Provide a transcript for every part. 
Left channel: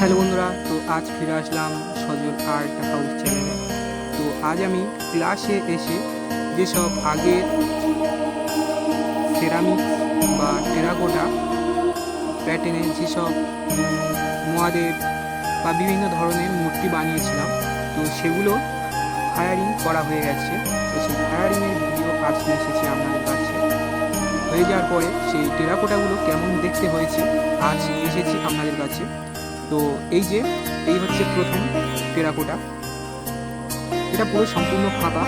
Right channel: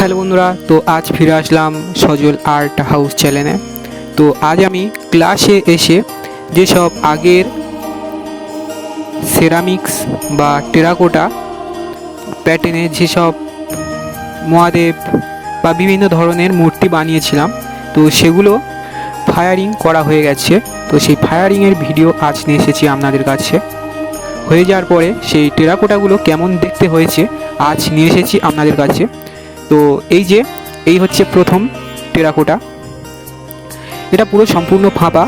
Hello বন্ধুরা, তো আজ ফিরে আসলাম সজল আর্ট হাউস চ্যানেলে। তো আজ আমি ক্লাসে এসে যেসব আগের সেরামিক্স বা টেরাকোটা প্যাটার্নে যেসব মহাদেব বা বিভিন্ন ধরনের মূর্তি বানিয়েছিলাম, তো সেগুলো ফায়ারিং করা হয়ে গেছে। তো সেই ফায়ারিংয়ের ভিডিও আজ নিয়ে এসেছি আপনাদের কাছে। হয়ে যাওয়ার পরে সেই টেরাকোটাগুলো কেমন দেখতে হয়েছে আজ নিয়ে এসেছি আপনাদের কাছে। তো এই হচ্ছে প্রথম টেরাকোটা। এটা পুরো সম্পূর্ণ ফাঁপা,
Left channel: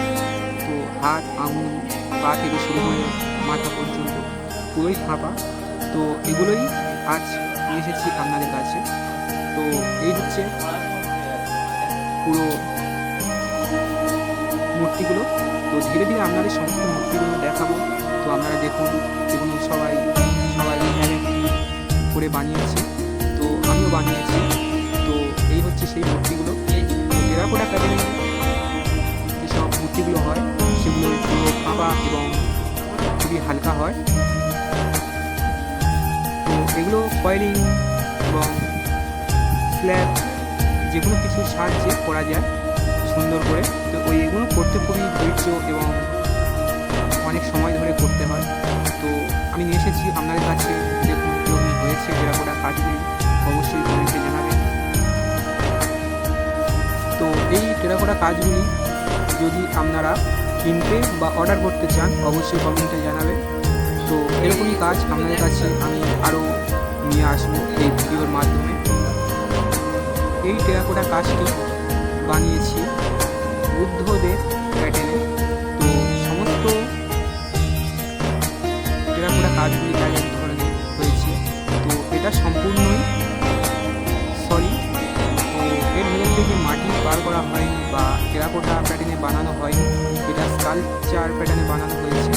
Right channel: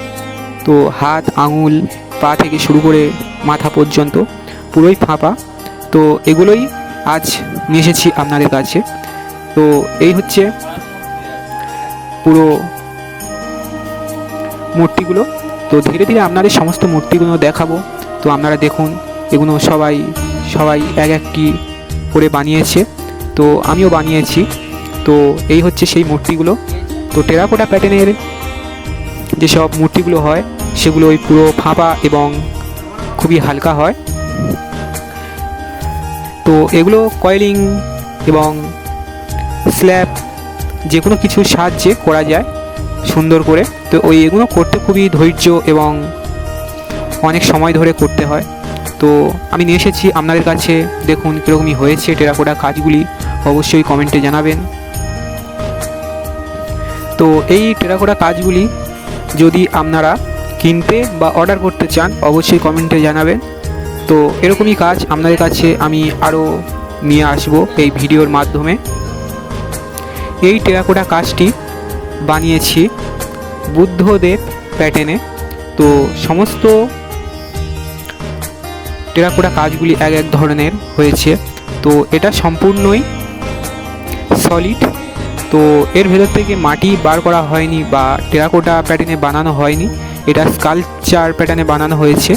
তো হাত আঙুল পা থেকে শুরু করে মাথা পর্যন্ত পুরোই ফাঁপা। তো এগুলোই আজ নিয়ে এসেছি আপনাদের কাছে। তো এই হচ্ছে পুরো মূর্তিগুলো। তো ধীরে ধীরে আপনাদের সমস্ত মূর্তিগুলো দেখাবো। তো আপনারা দেখুন, এগুলো সবাই এক একটি করে বানিয়েছে, তো আমিও বানিয়েছি। তো এই হচ্ছে সেই মূর্তিগুলো। তো টেরাকোটা প্যাটার্নের যেসব মূর্তিগুলো হয় সেগুলো ওই পুরো ফাঁপা এবং খুবই হালকা হয়। তো এগুলো কয়েলিং এবং স্ল্যাব যে কোনো কিছুর সাহায্যে করা যায় সুন্দর করে। তো এগুলো করতে খুবই ধৈর্য এবং অনেক সময় ধরে করতে হয়। তো আমি নিয়ে এসেছি আপনাদের কাছে, দেখুন কীরকমই হয়েছে টেরাকোটা কাজগুলি, অবশ্যই কমেন্টে জানাবেন। তো এই টেরাকোটা কাজগুলি যদি আপনারা কিনতে বা অর্ডার করতে চান অবশ্যই কমেন্টে জানাবেন। তো এরকমই কাজ আপনাদের কাছে আমি আরও নিয়ে আসব এই ভিডিওর মাধ্যমে। এই টেরাকোটা কাজটি বানিয়েছি বুদ্ধদেব প্যাটার্নে। তো সমস্ত টেরাকোটা কাজগুলি এক এক ধরনের হয়েছে। তো এটা সম্পূর্ণই সলিড। তো এর ভেতর থেকে মাটি বার করা হয়নি বা টেরাকোটা প্যাটার্নে বানানো হয়নি, এটা স্কাল্পচার প্যাটার্নে বানানো হয়েছে।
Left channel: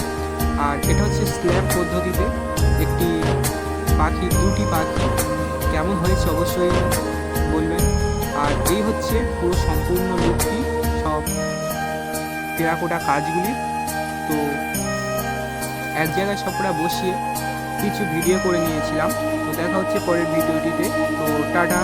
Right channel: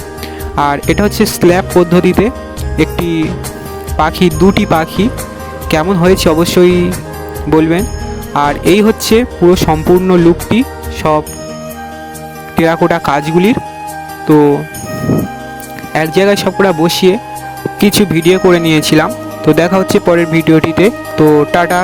আর এটা হচ্ছে স্ল্যাব পদ্ধতিতে একটি পাখি, দুটি পাখি কেমন হয়েছে অবশ্যই বলবেন। আর এই হচ্ছে পুরো সম্পূর্ণ লুকটি সব টেরাকোটা কাজগুলির। তো এক জায়গায় সবকটা বসিয়ে কিছু ভিডিও করে নিয়েছিলাম। তো দেখা হচ্ছে পরের ভিডিওটিতে। তো টাটা।